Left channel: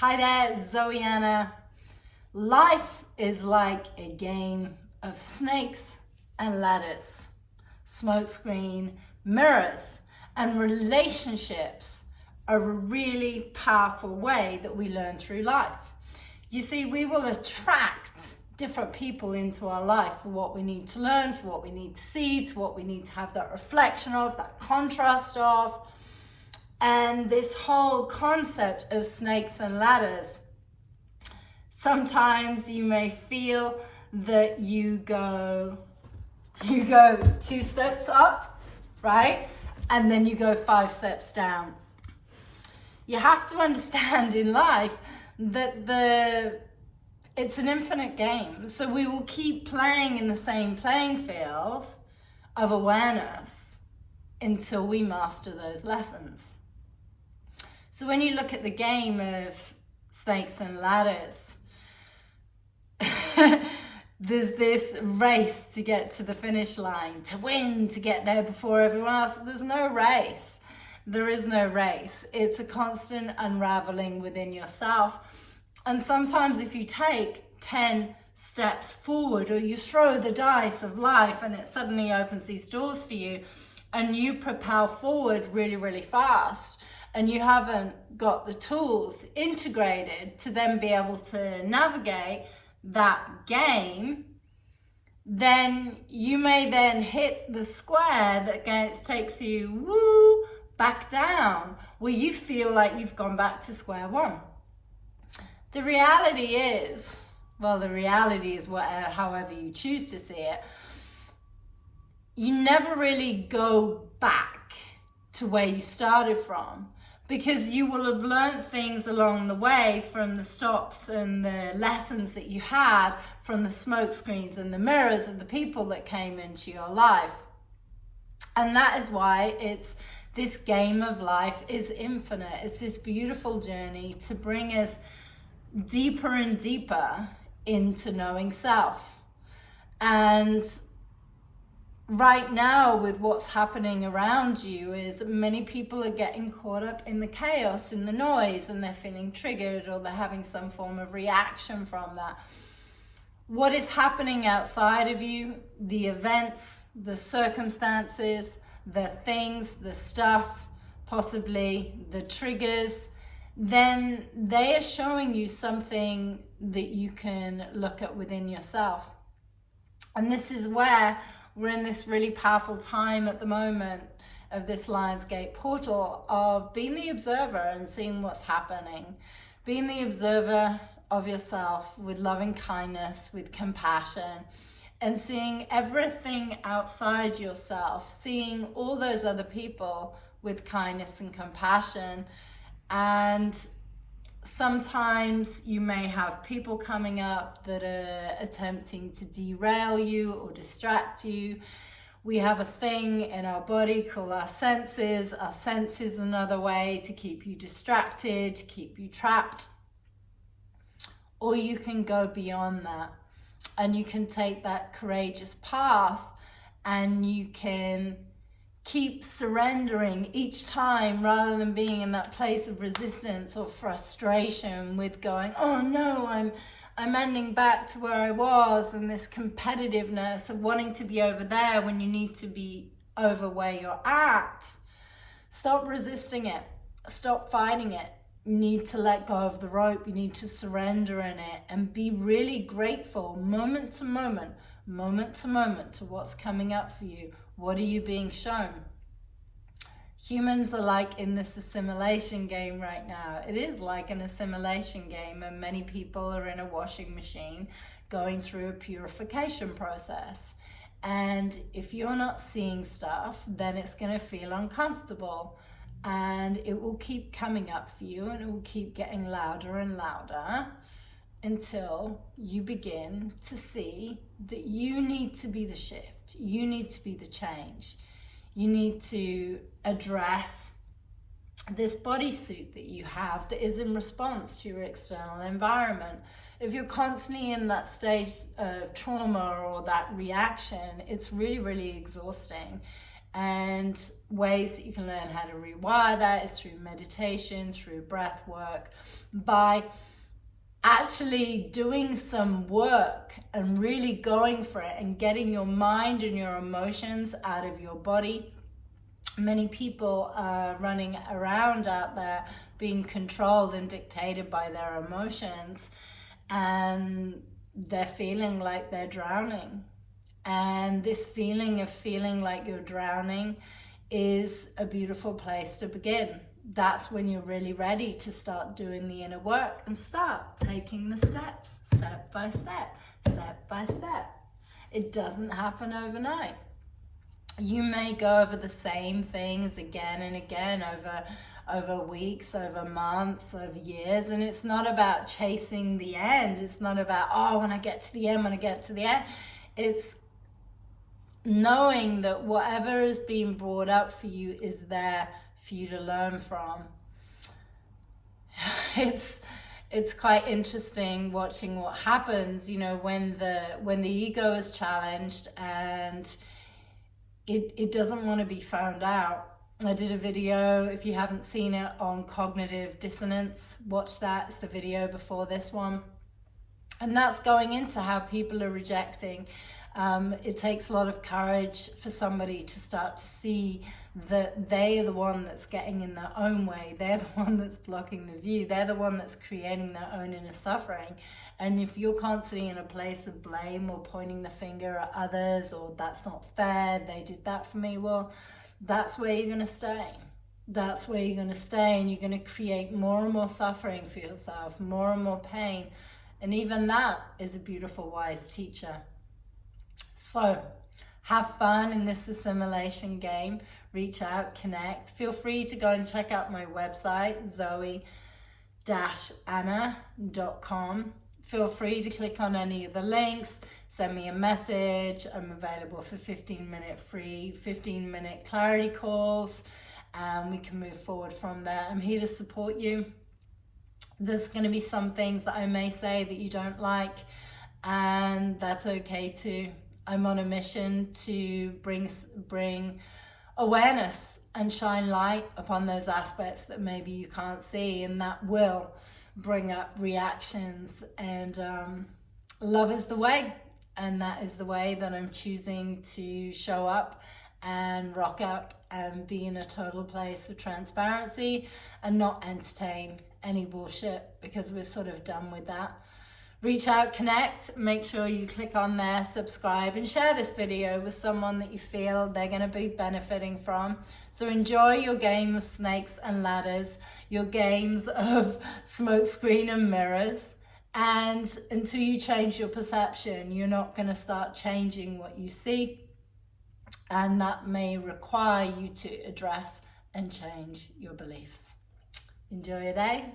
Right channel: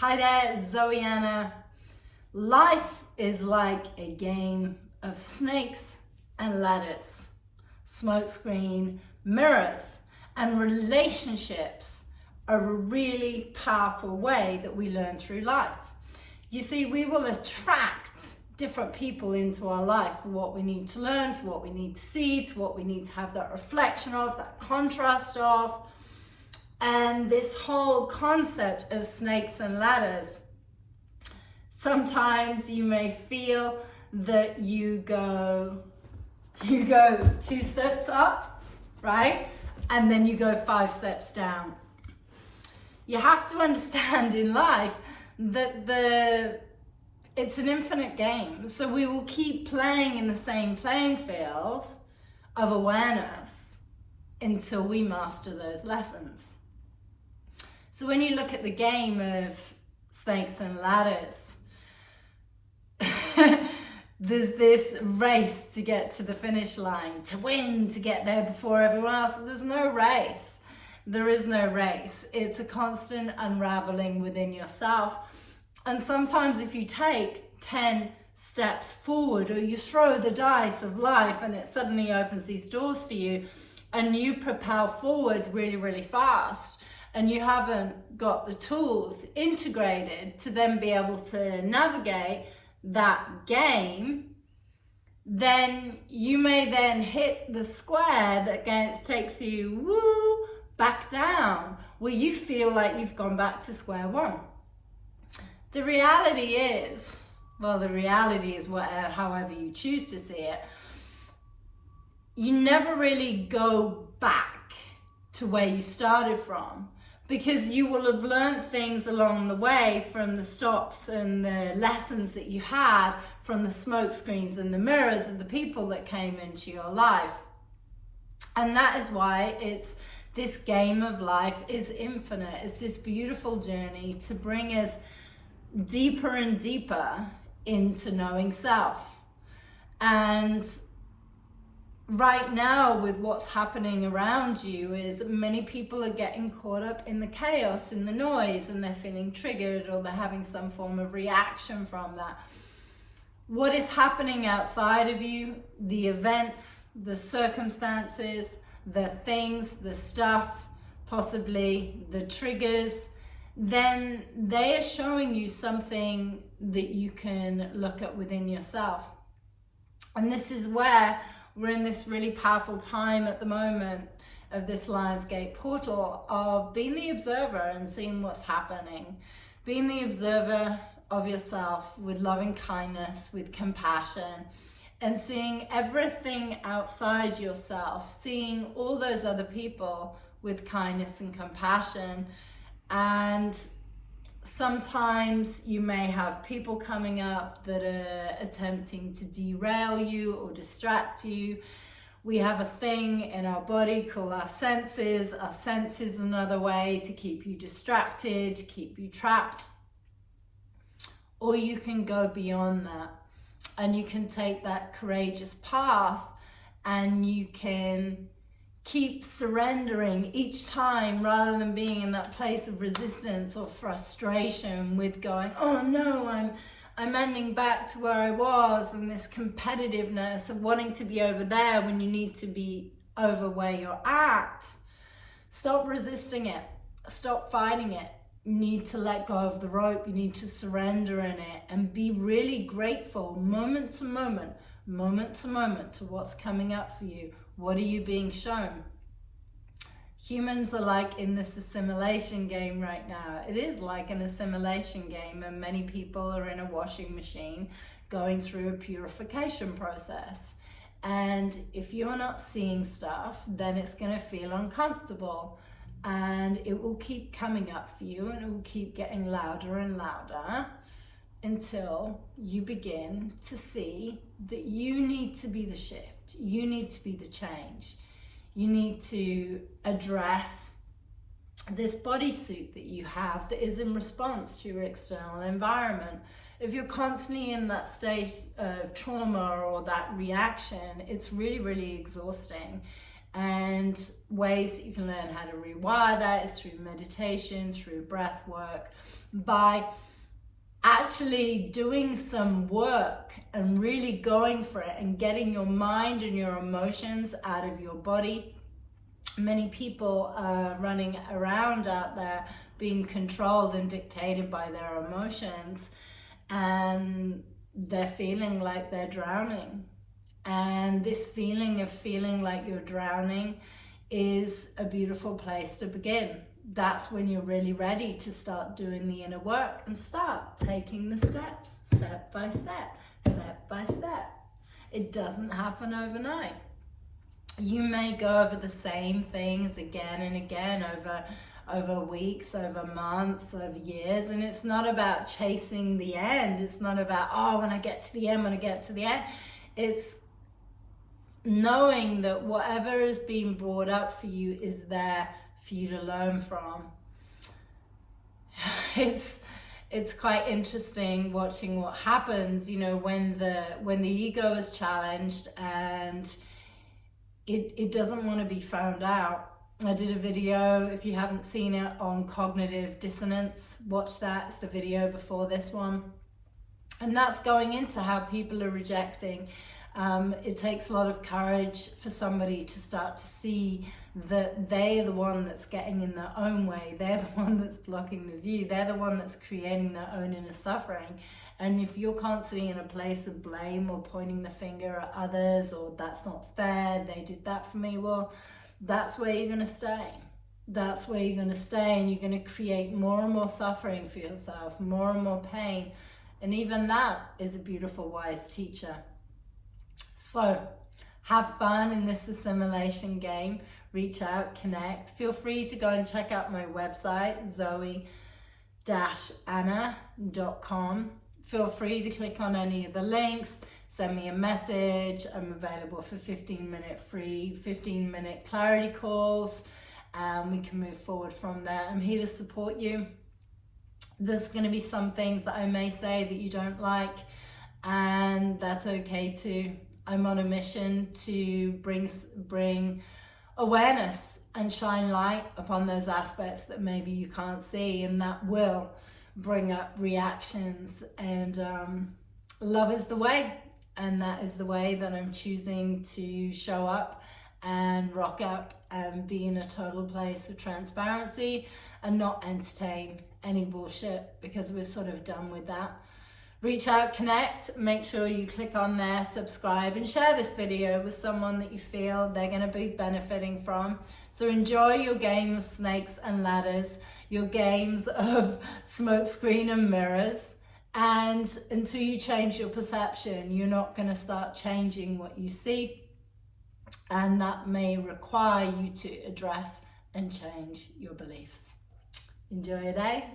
Hi there, Zoe-Anna. Life is like a game of snakes and ladders, smokescreen mirrors, and relationships are a really powerful way that we learn through life. You see, we will attract different people into our life for what we need to learn, for what we need to see, to what we need to have that reflection of, that contrast of. And this whole concept of snakes and ladders, sometimes you may feel that you go 2 steps up, right? And then you go 5 steps down. You have to understand in life that it's an infinite game. So we will keep playing in the same playing field of awareness until we master those lessons. So when you look at the game of snakes and ladders, there's this race to get to the finish line, to win, to get there before everyone else. There's no race. There is no race. It's a constant unraveling within yourself. And sometimes if you take 10 steps forward, or you throw the dice of life and it suddenly opens these doors for you, and you propel forward really, really fast, and you haven't got the tools integrated to then be able to navigate that game, then you may then hit the square that takes you back down, where you feel like you've gone back to square one. The reality is, however you choose to see it, you never really go back to where you started from, because you will have learned things along the way from the stops and the lessons that you had from the smoke screens and the mirrors of the people that came into your life. And that is why this game of life is infinite. It's this beautiful journey to bring us deeper and deeper into knowing self. And right now, with what's happening around you, is many people are getting caught up in the chaos, in the noise, and they're feeling triggered, or they're having some form of reaction from that. What is happening outside of you, the events, the circumstances, the things, the stuff, possibly the triggers, then they are showing you something that you can look at within yourself. And this is where we're in this really powerful time at the moment of this Lionsgate portal of being the observer and seeing what's happening. Being the observer of yourself with loving kindness, with compassion, and seeing everything outside yourself, seeing all those other people with kindness and compassion. And sometimes you may have people coming up that are attempting to derail you or distract you. We have a thing in our body called our senses. Our sense is another way to keep you distracted, to keep you trapped. Or you can go beyond that, and you can take that courageous path, and you can keep surrendering each time, rather than being in that place of resistance or frustration with going, oh no, I'm ending back to where I was, and this competitiveness of wanting to be over there when you need to be over where you're at. Stop resisting it. Stop fighting it. You need to let go of the rope. You need to surrender in it and be really grateful moment to moment to what's coming up for you. What are you being shown? Humans are like in this assimilation game right now. It is like an assimilation game, and many people are in a washing machine going through a purification process. And if you're not seeing stuff, then it's going to feel uncomfortable, and it will keep coming up for you, and it will keep getting louder and louder until you begin to see that you need to be the shift. You need to be the change. You need to address this bodysuit that you have that is in response to your external environment. If you're constantly in that state of trauma or that reaction, it's really, really exhausting. And ways that you can learn how to rewire that is through meditation, through breath work, by actually doing some work and really going for it and getting your mind and your emotions out of your body. Many people are running around out there being controlled and dictated by their emotions, and they're feeling like they're drowning. And this feeling of feeling like you're drowning is a beautiful place to begin. That's when you're really ready to start doing the inner work and start taking the steps, step by step, step by step. It doesn't happen overnight. You may go over the same things again and again over weeks, over months, over years, and it's not about chasing the end. It's not about, oh, when I get to the end, when I get to the end. It's knowing that whatever is being brought up for you is there for you to learn from. It's quite interesting watching what happens, you know, when the ego is challenged and it doesn't want to be found out. I did a video, if you haven't seen it, on cognitive dissonance. Watch that, it's the video before this one. And that's going into how people are rejecting. It takes a lot of courage for somebody to start to see that they're the one that's getting in their own way. They're the one that's blocking the view. They're the one that's creating their own inner suffering. And if you're constantly in a place of blame or pointing the finger at others, or that's not fair, they did that for me, well, that's where you're going to stay. That's where you're going to stay, and you're going to create more and more suffering for yourself, more and more pain. And even that is a beautiful, wise teacher. So have fun in this assimilation game. Reach out, connect. Feel free to go and check out my website, Zoe-Anna.com. Feel free to click on any of the links, send me a message. I'm available for 15-minute clarity calls, and we can move forward from there. I'm here to support you. There's going to be some things that I may say that you don't like, and that's okay too. I'm on a mission to bring awareness and shine light upon those aspects that maybe you can't see, and that will bring up reactions. And love is the way, and that is the way that I'm choosing to show up and rock up and be in a total place of transparency and not entertain any bullshit, because we're sort of done with that. Reach out, connect, make sure you click on there, subscribe, and share this video with someone that you feel they're going to be benefiting from. So enjoy your game of snakes and ladders, your games of smokescreen and mirrors, and until you change your perception, you're not going to start changing what you see, and that may require you to address and change your beliefs. Enjoy your day.